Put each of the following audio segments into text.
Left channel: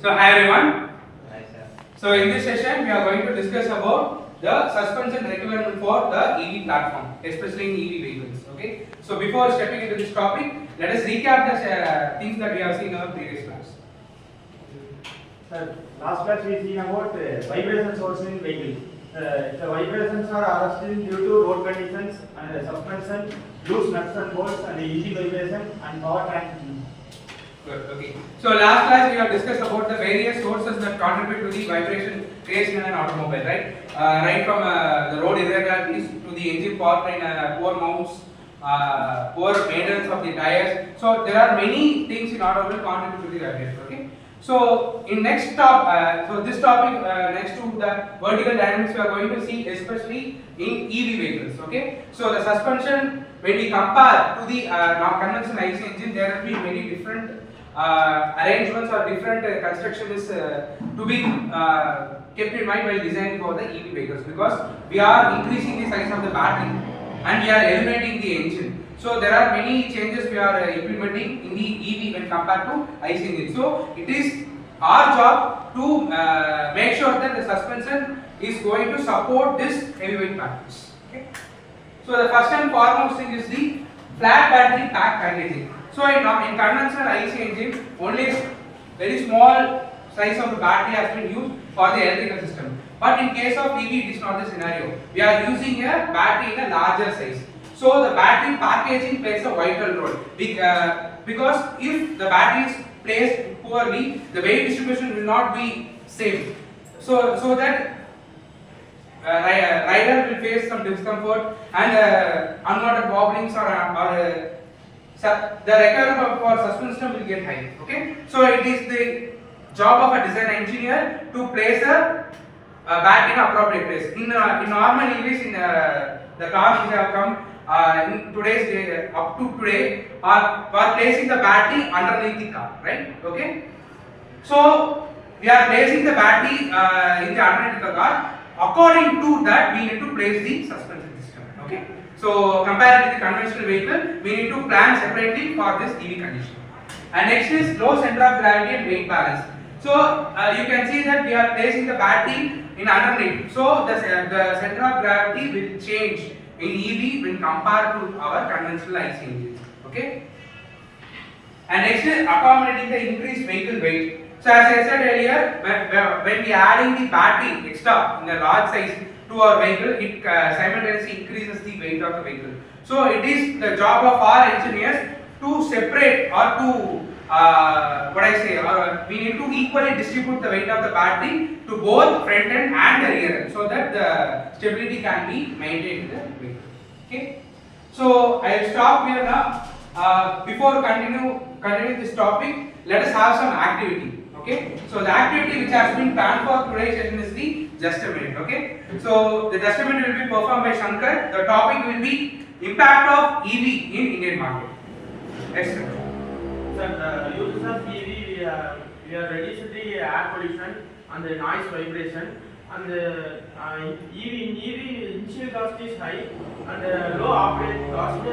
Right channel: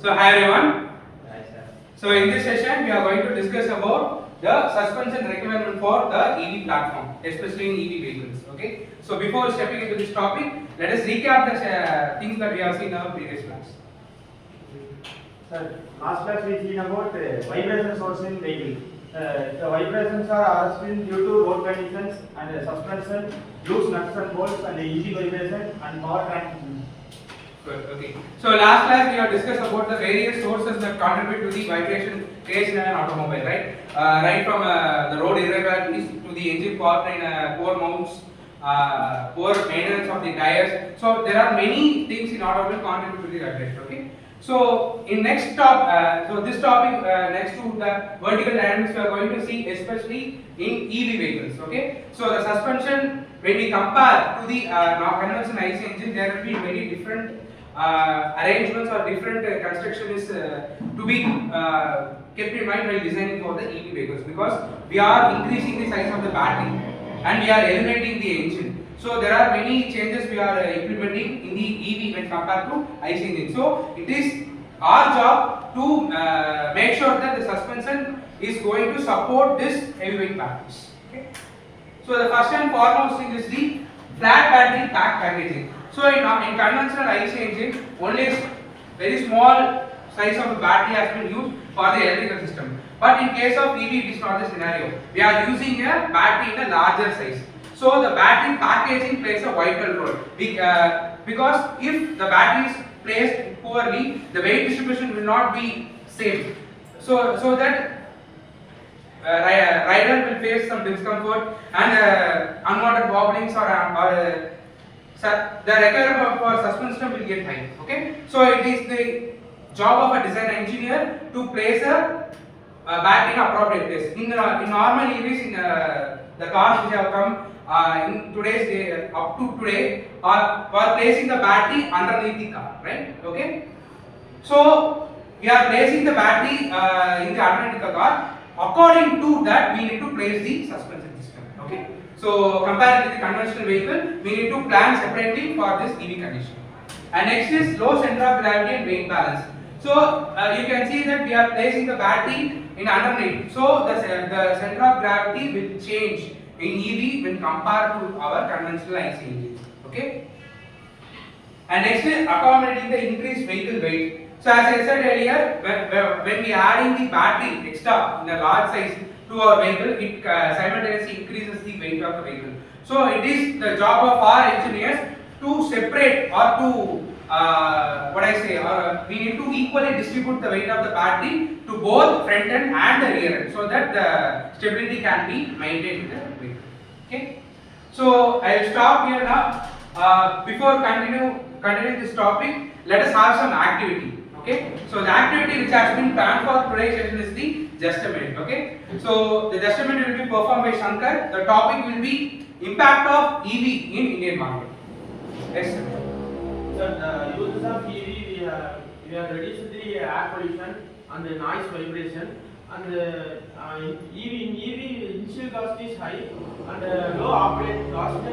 So hi everyone. Hi, sir. So in this session we are going to discuss about the suspension requirement for the EV platform, especially in EV vehicles. Okay. So before stepping into this topic, let us recap the things that we have seen in our previous class. Sir, last class we seen about vibration source in vehicle. The vibrations are arrested due to road conditions and suspension, loose nuts and bolts and easy vibration and power transmission. Good. Okay. So last class we have discussed about the various sources that contribute to the vibration creation in an automobile, right? Right from the road irregularities to the engine powertrain, poor mounts, poor maintenance of the tires. So there are many things in automobile contribute to the vibration. Okay. So in next this topic next to the vertical dynamics we are going to see especially in EV vehicles. Okay. So the suspension when we compare to the conventional IC engine, there will be many different arrangements or different construction is to be kept in mind while designing for the EV vehicles, because we are increasing the size of the battery and we are eliminating the engine. So there are many changes we are implementing in the EV when compared to IC engine. So it is our job to make sure that the suspension is going to support this heavyweight batteries. Okay. So the first and foremost thing is the flat battery pack packaging. So in conventional IC engine, only very small size of the battery has been used for the electrical system. But in case of EV, it is not the scenario. We are using a battery in a larger size. So the battery packaging plays a vital role. Because if the battery is placed poorly, the weight distribution will not be same. So that rider will face some discomfort and unwanted wobblings or the requirement for suspension will get high. Okay, so it is the job of a design engineer to place a battery in appropriate place. In normal EVs, in the cars which have come in today's day, up to today, are placing the battery underneath the car, right? Okay, so we are placing the battery in the underneath the car. According to that, we need to place the suspension system. Okay. So compared with the conventional vehicle, we need to plan separately for this EV condition. And next is low center of gravity and weight balance. So you can see that we are placing the battery in underneath. So the center of gravity will change in EV when compared to our conventional IC engines. Okay. And next is accommodating the increased vehicle weight. So as I said earlier, when we are adding the battery extra in a large size to our vehicle, it simultaneously increases the weight of the vehicle. So it is the job of our engineers to separate or to we need to equally distribute the weight of the battery to both front end and the rear end, so that the stability can be maintained in the vehicle. Okay. So I will stop here now. Before continuing this topic, let us have some activity. Okay, so the activity which has been planned for today's session is the just a minute. Okay, so the just a minute will be performed by Shankar. The topic will be impact of EV in Indian market. Yes, sir. Sir, uses of EV, we are reducing the air pollution and the noise vibration, and EV initial cost is high and low operating cost.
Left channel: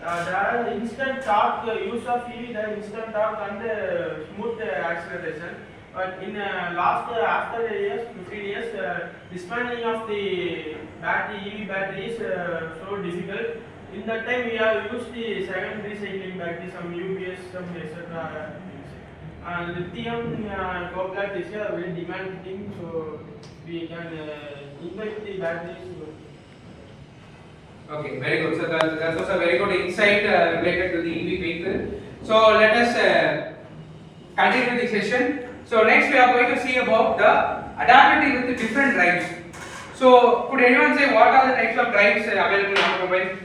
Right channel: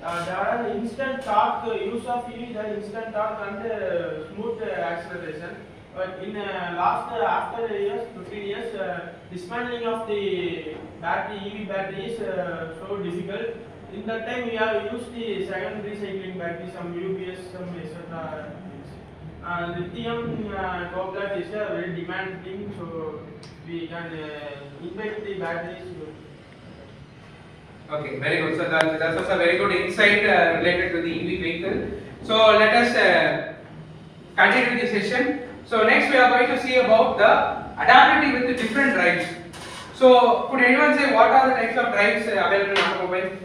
There are instant torque, use of EV, there is instant torque and smooth acceleration. But in after years, 15 years, dismantling of the EV battery is so difficult. In that time, we have used the second recycling battery, some UPS, some etc. Lithium cobalt is a very demanding, so we can invest the batteries. Okay, very good. So that was a very good insight related to the EV vehicle. So let us continue the session. So next we are going to see about the adapting with the different drives. So could anyone say what are the types of drives available in automobile?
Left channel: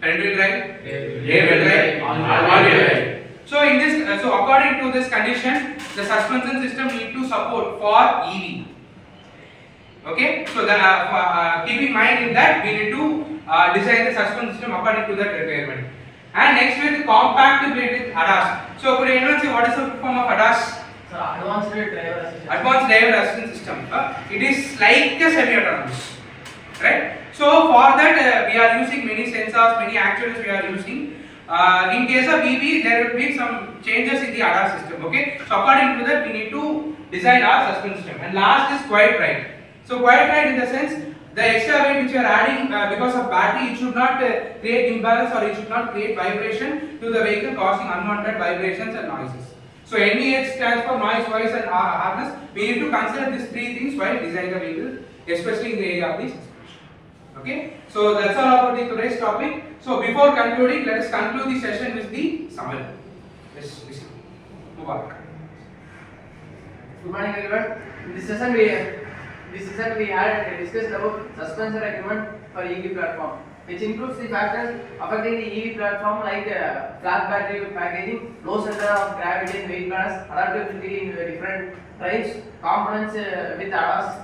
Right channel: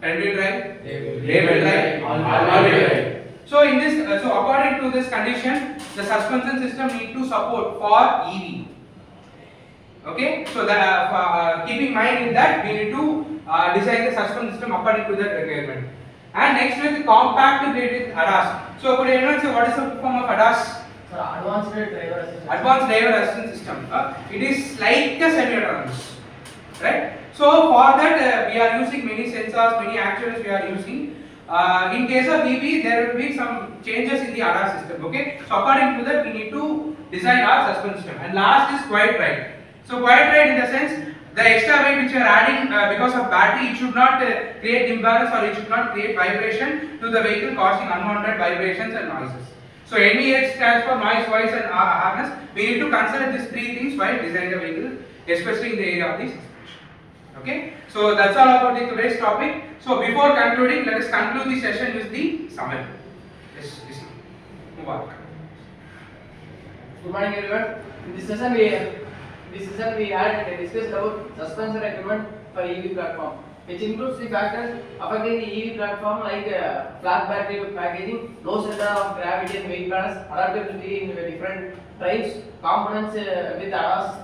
Front wheel drive, rear wheel drive, all wheel drive. So in this, so according to this condition, the suspension system need to support for EV. Okay, so that keep in mind in that we need to design the suspension system according to that requirement. And next with the compact built with ADAS. So could anyone say what is the form of ADAS? So advanced driver assistance. Advanced driver assistance system. It is like a semi-autonomous, right? So for that we are using many sensors, many actuators we are using. In case of EV, there will be some changes in the ADAS system. Okay, so according to that, we need to design our suspension system. And last is quiet ride. So quiet ride in the sense, the extra weight which you are adding because of battery, it should not create imbalance or it should not create vibration to the vehicle, causing unwanted vibrations and noises. So NVH stands for noise, voice and harness. We need to consider these three things while designing the vehicle, especially in the area of the suspension. Okay, so that's all about the today's topic. So before concluding, let us conclude the session with the summary. Yes, move on. Good morning, everyone. In this session, we had discussed about suspension equipment for EV platform, which includes the factors affecting the EV platform like flat battery packaging, low center of gravity and weight balance, adaptability in different types, components with ADAS,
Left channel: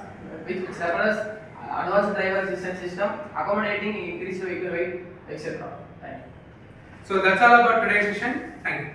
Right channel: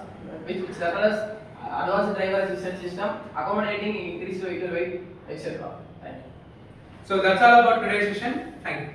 which surplus, advanced driver assistance system, accommodating increased vehicle weight, etc. Thank you. So that's all about today's session. Thank you.